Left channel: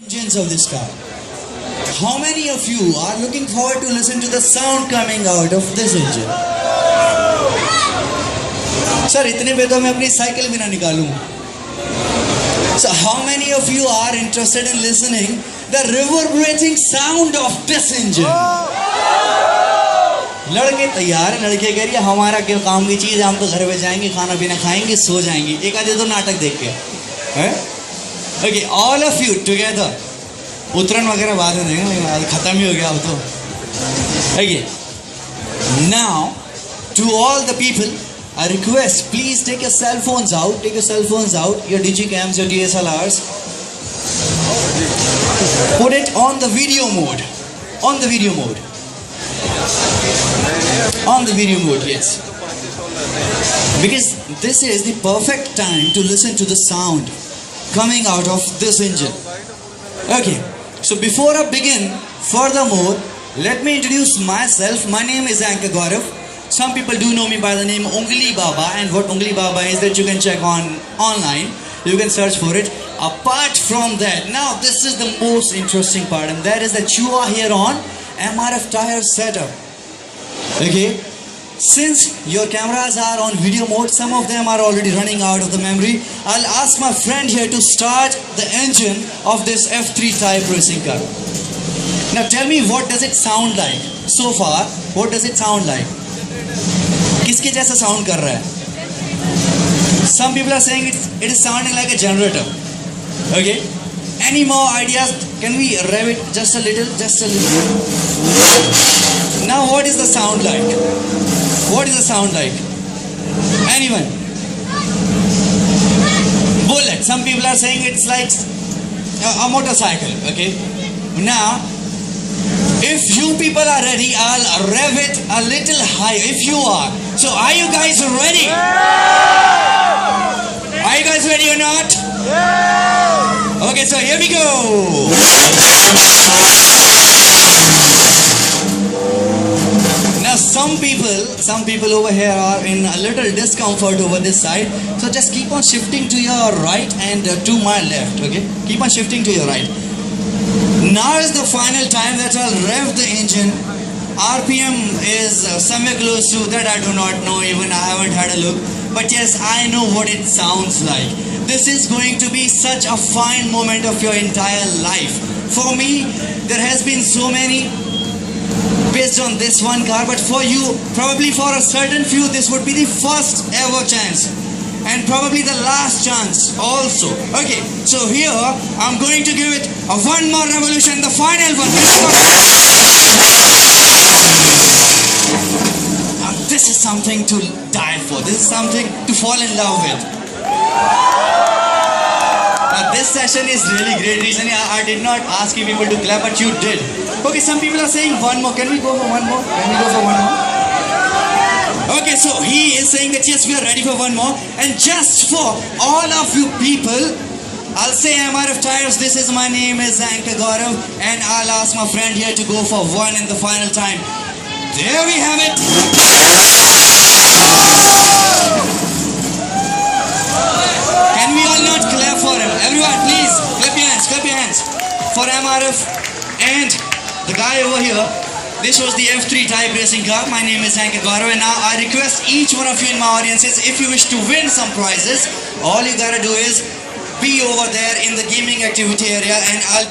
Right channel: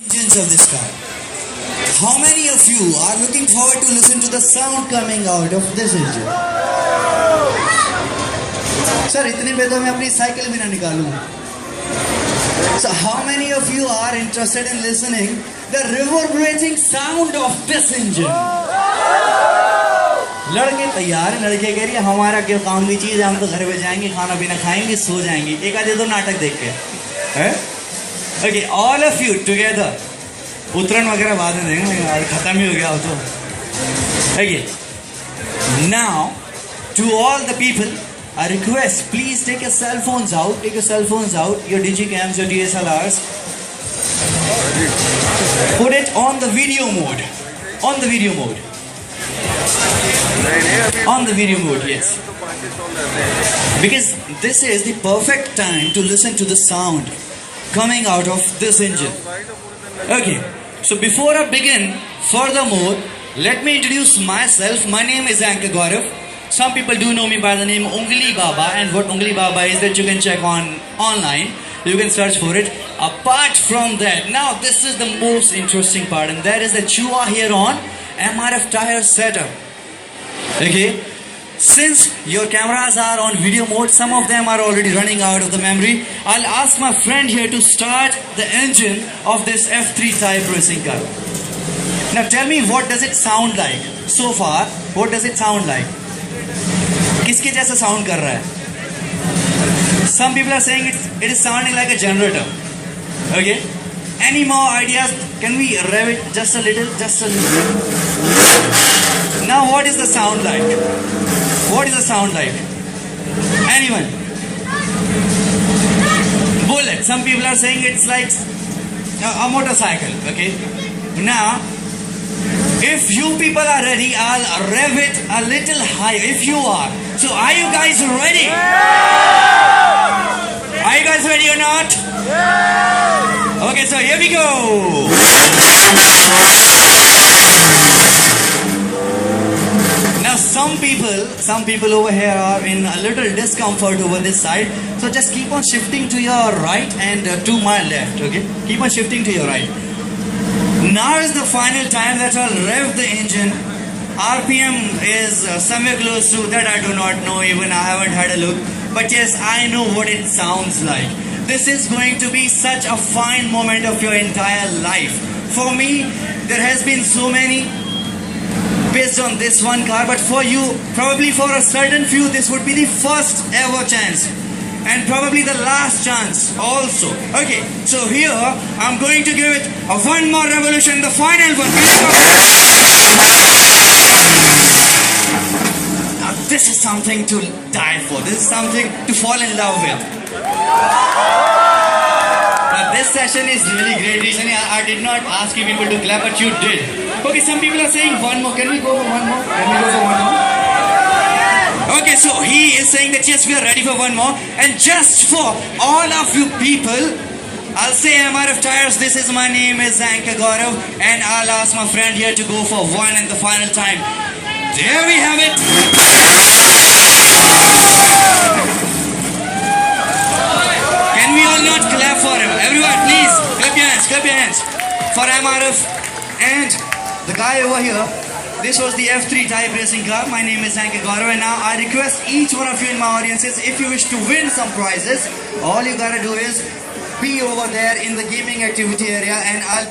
Engines of this car. How many of you are looking forward to listen to the sound coming out of this engine? Sir, इतने में तो मैं अपनी cycle भी ना निकालूं. So how many of you are interested in listening the reverberating sound of this engine? लड़के तैयार हैं, लड़के कह रही है हमारा क्या काम की चीज़ है, हम तो घर पे जाएंगे, खाना पीना खाएंगे, सो जाएंगे, एक आधे तो नाटक देख के, हैं? Okay, all of you together. उतरन वगैरह बाद में देंगे, लेकिन खत्म ही हो गया हो तो. Okay. Now, to all the people, I request, please take your cell phones out. Take your cell phones out. Your digicams, your DSLRs. Put it on the video mode. On the video mode. On the video mode, yes. Because this is the perfect time to listen to the sound coming out of this engine. Okay, so before I begin, furthermore, let me introduce myself. My name is Anka Gaurav. Some people do know me by the name Ungli Baba, and what Ungli Baba is that you can check on online. You can search for it. Apart from that, now this is the most interesting part, and that is that you are here on MRF Tire Setup. Okay. Since your cameras are on video mode, some of them are already running out of the memory. I'll ask my friend here to start the engine of this F3 type racing car. Now tell me, what does it sound like? So far, what does it sound like? किसके जैसा sound कर रहा है? Some people are saying it is sounding like a generator. Okay? Any more ideas? Can we rev it just a little? Just a little. Now what is the sound like? What is the sound like? Anyone? Bullet. Some people are saying it's like a motorcycle. Okay. Now, if you people are ready, I'll rev it a little higher. If you are. So are you guys ready? Are you guys ready or not? Okay, so here we go. Some people over here are in a little discomfort over this side. So just keep on shifting to your right and to my left. Okay, keep on shifting to your right. Now is the final time that I'll rev the engine. RPM is somewhere close to that. I do not know, even I haven't had a look. But yes, I know what it sounds like. This is going to be such a fine moment of your entire life. For me, there has been so many based on this one car, but for you, probably for a certain few, this would be the first ever chance and probably the last chance also. Okay, so here I'm going to give it a one more revolution, the final one. Now this is something to die for. This is something to fall in love with. This session is really great. Recently, I did not ask you people to clap, but you did. Okay, some people are saying one more. Can we go for one more? Can we go for one more? Okay, so he is saying that yes, we are ready for one more. And just for all of you people, I'll say MRF Tires, this is my name is Anka Gaurav, and I'll ask my friend here to go for one and the final time. There we have it. Can we all not clap for him? Everyone, please, clap your hands for MRF and the guy over here. This was the F3 type racing car. My name is Anka Gaurav, and now I request each one of you in my audiences, if you wish to win some prizes, all you gotta do is be over there in the gaming activity area, and I'll